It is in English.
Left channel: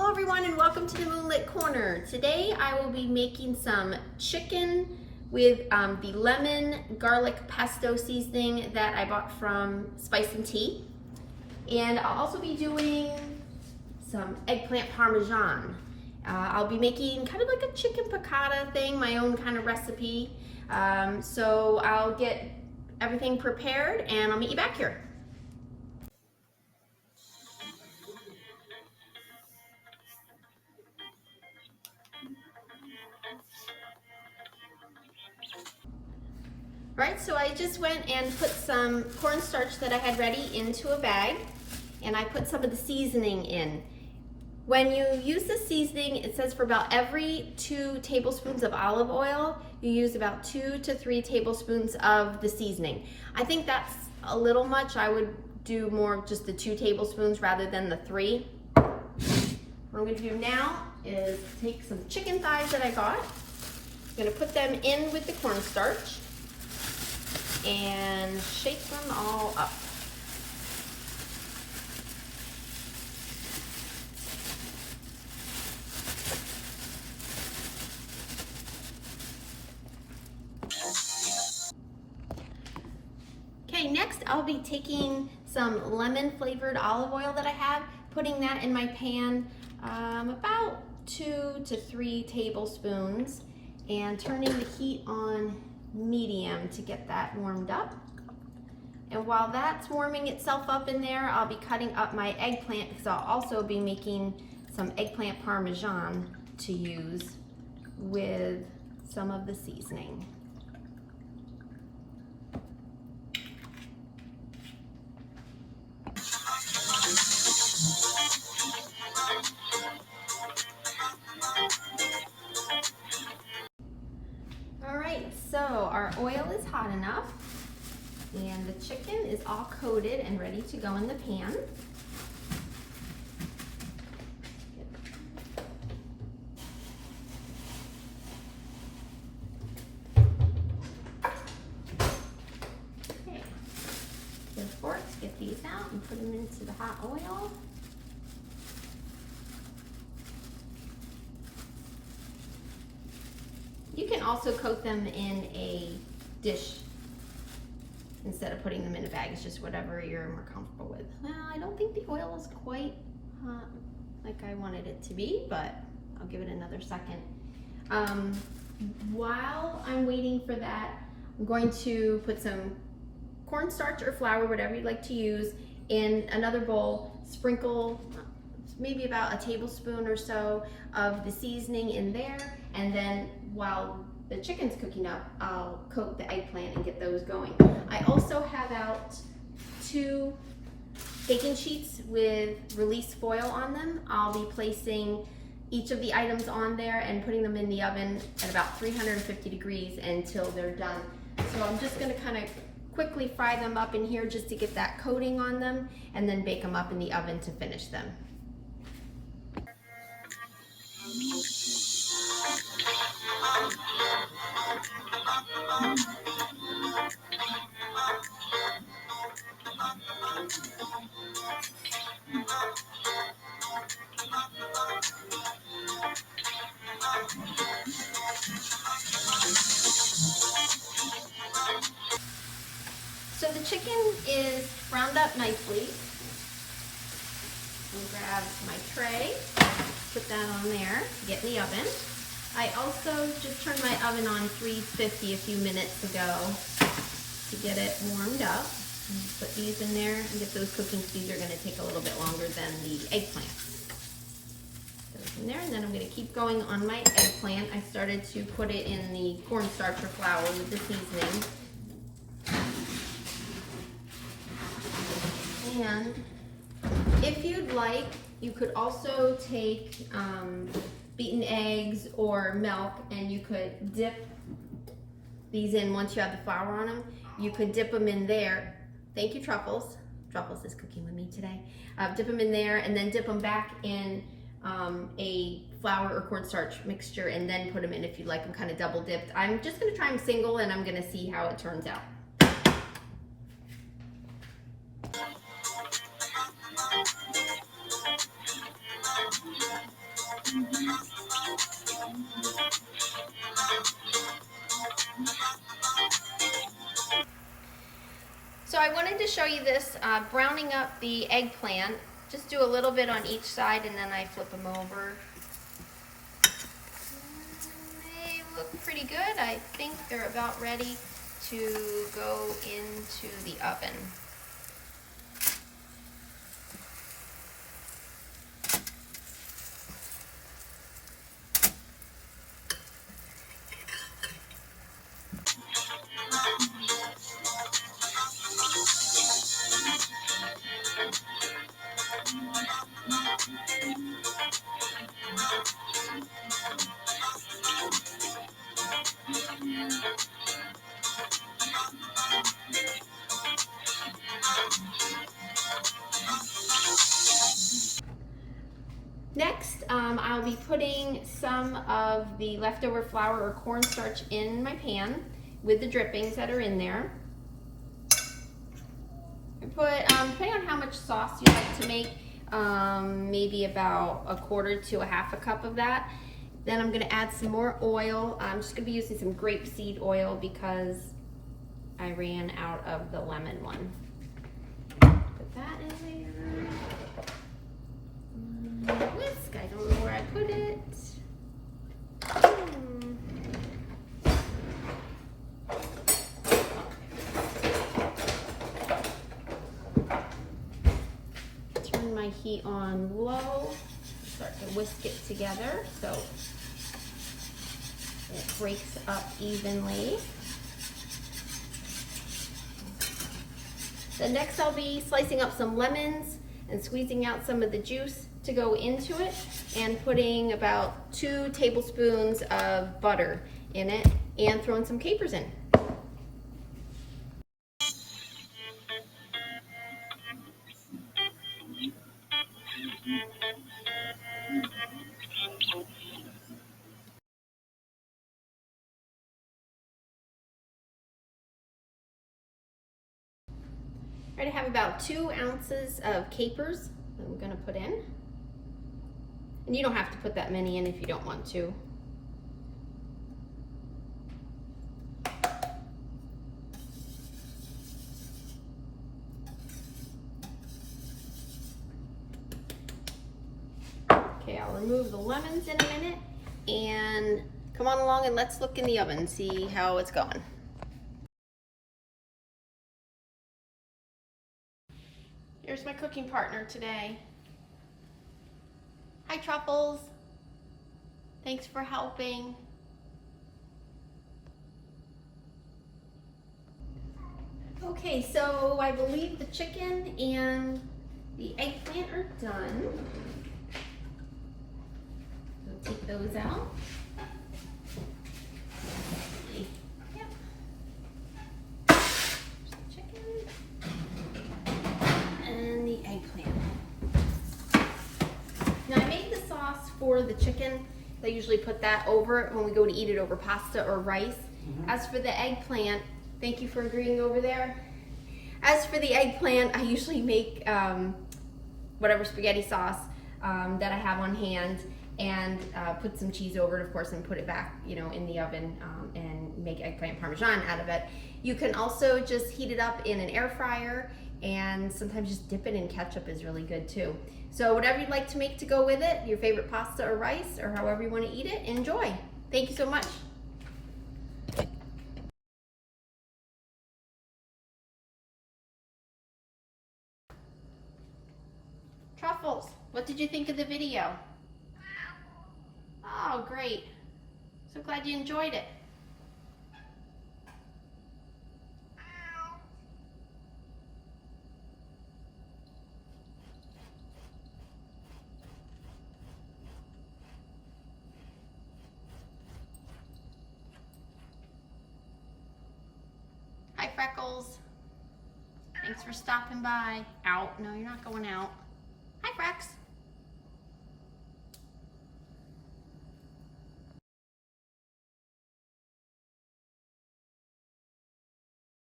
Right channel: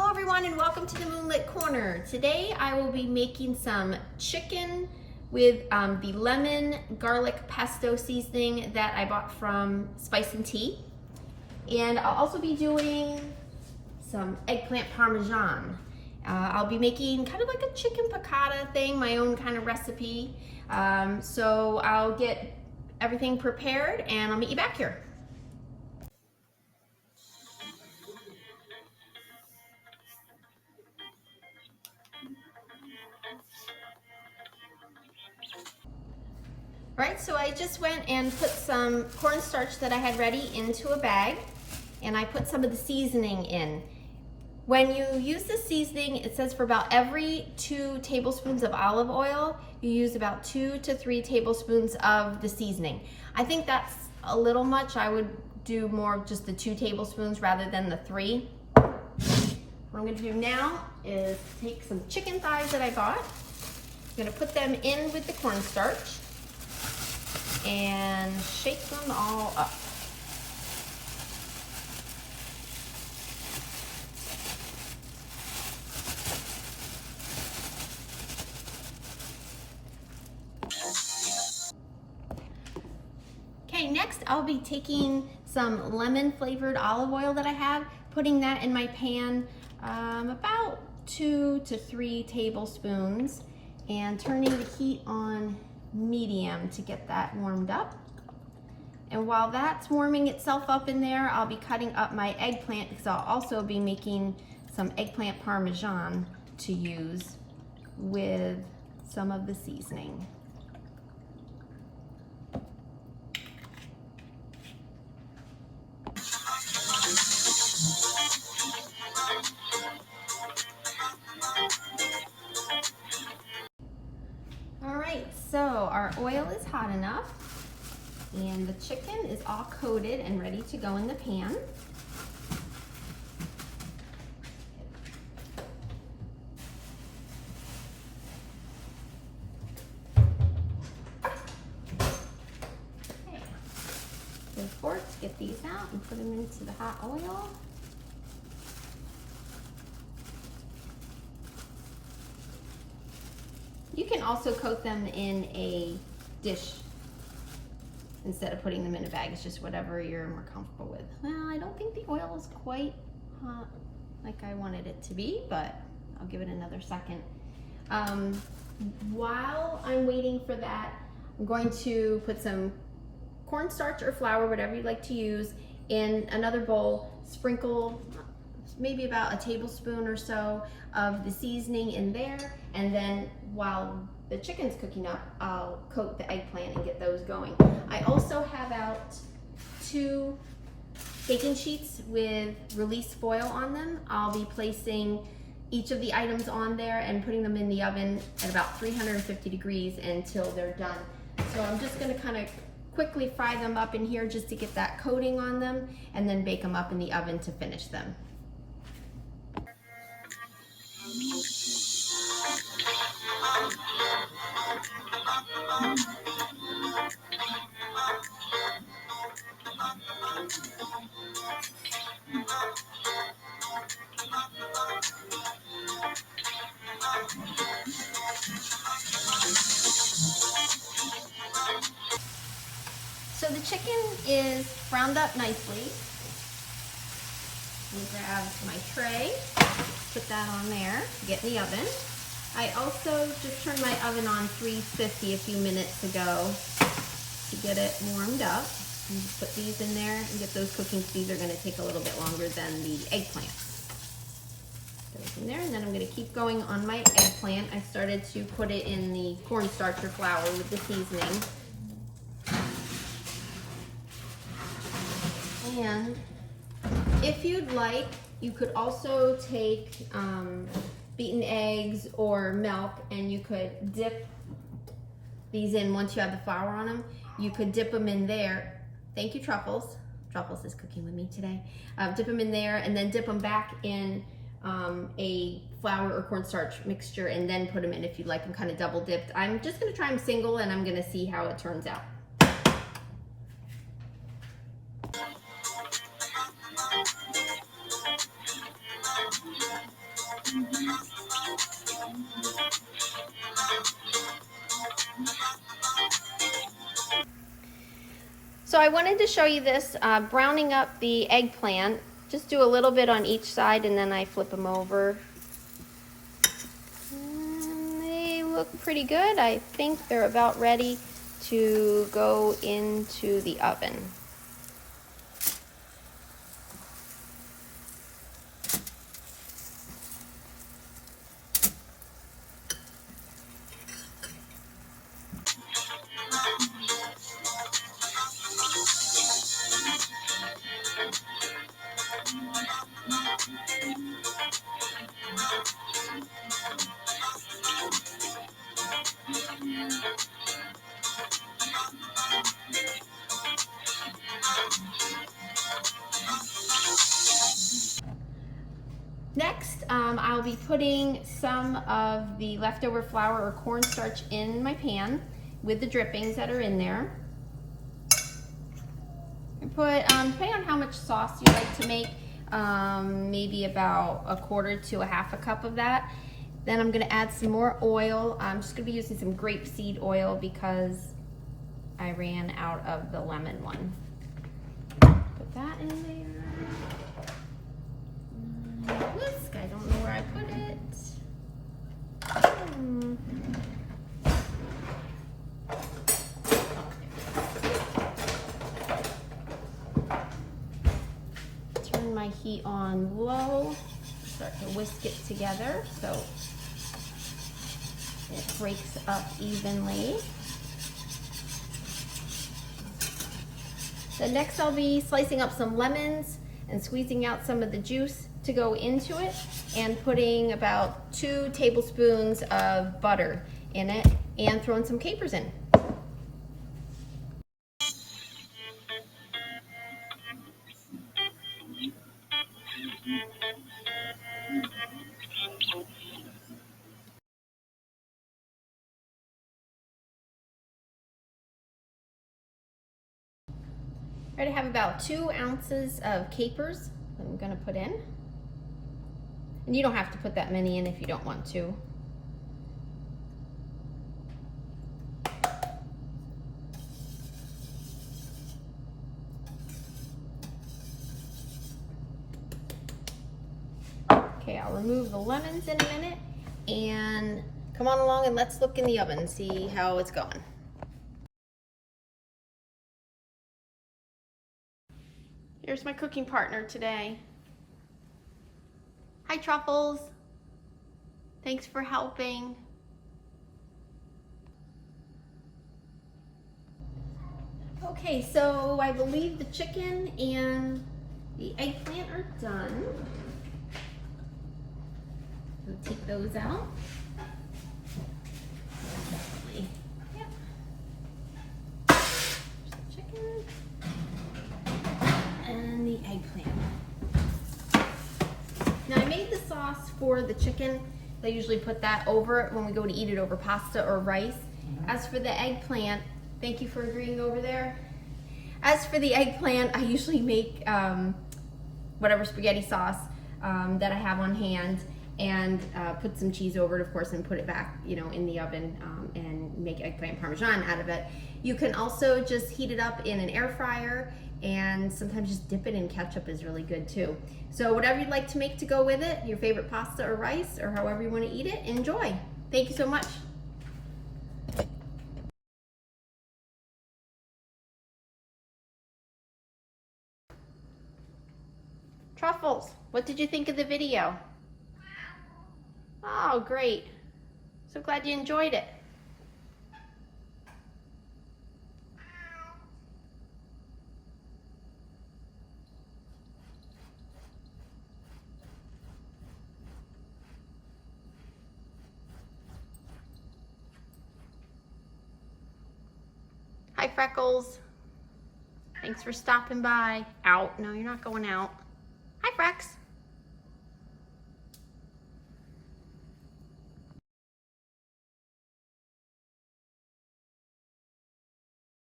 Hello everyone and welcome to the Moonlit Corner. Today I will be making some chicken with the lemon garlic pesto seasoning that I bought from Spice and Tea. And I'll also be doing some eggplant parmesan. I'll be making kind of like a chicken piccata thing, my own kind of recipe. So I'll get everything prepared and I'll meet you back here. All right, so I just went and put some cornstarch that I had ready into a bag, and I put some of the seasoning in. When you use the seasoning, it says for about every 2 tablespoons of olive oil, you use about 2 to 3 tablespoons of the seasoning. I think that's a little much. I would do more just the 2 tablespoons rather than the 3. What I'm gonna do now is take some chicken thighs that I got. I'm gonna put them in with the cornstarch and shake them all up. Okay, next I'll be taking some lemon flavored olive oil that I have, putting that in my pan, about 2 to 3 tablespoons, and turning the heat on medium to get that warmed up. And while that's warming itself up in there, I'll be cutting up my eggplant because I'll also be making some eggplant parmesan to use with some of the seasoning. So our oil is hot enough and the chicken is all coated and ready to go in the pan. Okay, so forks, get these out and put them into the hot oil. You can also coat them in a dish instead of putting them in a bag. It's just whatever you're more comfortable with. Well, I don't think the oil is quite hot like I wanted it to be, but I'll give it another second. While I'm waiting for that, I'm going to put some cornstarch or flour, whatever you like to use, in another bowl. Sprinkle maybe about a tablespoon or so of the seasoning in there, and then while the chicken's cooking up, I'll coat the eggplant and get those going. I also have out 2 baking sheets with release foil on them. I'll be placing each of the items on there and putting them in the oven at about 350 degrees until they're done. So I'm just gonna kind of quickly fry them up in here just to get that coating on them, and then bake them up in the oven to finish them. So the chicken is browned up nicely. I'm gonna grab my tray, put that on there, get in the oven. I also just turned my oven on 350 a few minutes ago to get it warmed up. And just put these in there and get those cooking. These are gonna take a little bit longer than the eggplant. Those in there, and then I'm gonna keep going on my eggplant. I started to put it in the cornstarch or flour with the seasoning. And if you'd like, you could also take beaten eggs or milk, and you could dip these in once you have the flour on them. You could dip them in there. Thank you, Truffles. Truffles is cooking with me today. Dip them in there and then dip them back in a flour or cornstarch mixture, and then put them in if you'd like them kind of double dipped. I'm just gonna try them single, and I'm gonna see how it turns out. wanted to show you this, browning up the eggplant. Just do a little bit on each side and then I flip them over. And they look pretty good. I think they're about ready to go into the oven. Next, I'll be putting some of the leftover flour or cornstarch in my pan with the drippings that are in there. I put, depending on how much sauce you like to make, maybe about 1/4 to 1/2 cup of that. Then I'm gonna add some more oil. I'm just gonna be using some grapeseed oil because I ran out of the lemon one. Put that in there. Whisk, I don't know where I put it. Turn my heat on low. Start to whisk it together so it breaks up evenly. Then next I'll be slicing up some lemons and squeezing out some of the juice to go into it and putting about 2 tablespoons of butter in it and throwing some capers in. I have about 2 ounces of capers that I'm going to put in. And you don't have to put that many in if you don't want to. Okay, I'll remove the lemons in a minute and come on along and let's look in the oven and see how it's going. Here's my cooking partner today. Hi, Truffles. Thanks for helping. Okay, so I believe the chicken and the eggplant are done. We'll take those out. For the chicken, I usually put that over it when we go to eat it over pasta or rice. As for the eggplant, thank you for agreeing over there. As for the eggplant, I usually make whatever spaghetti sauce that I have on hand and put some cheese over it, of course, and put it back, in the oven and make eggplant parmesan out of it. You can also just heat it up in an air fryer and sometimes just dip it in ketchup is really good too. So whatever you'd like to make to go with it, your favorite pasta or rice or however you want to eat it, enjoy. Thank you so much. Truffles, what did you think of the video? Oh, great. So glad you enjoyed it. Hi, Freckles. Thanks for stopping by. Out. No, you're not going out. Hi, Frex.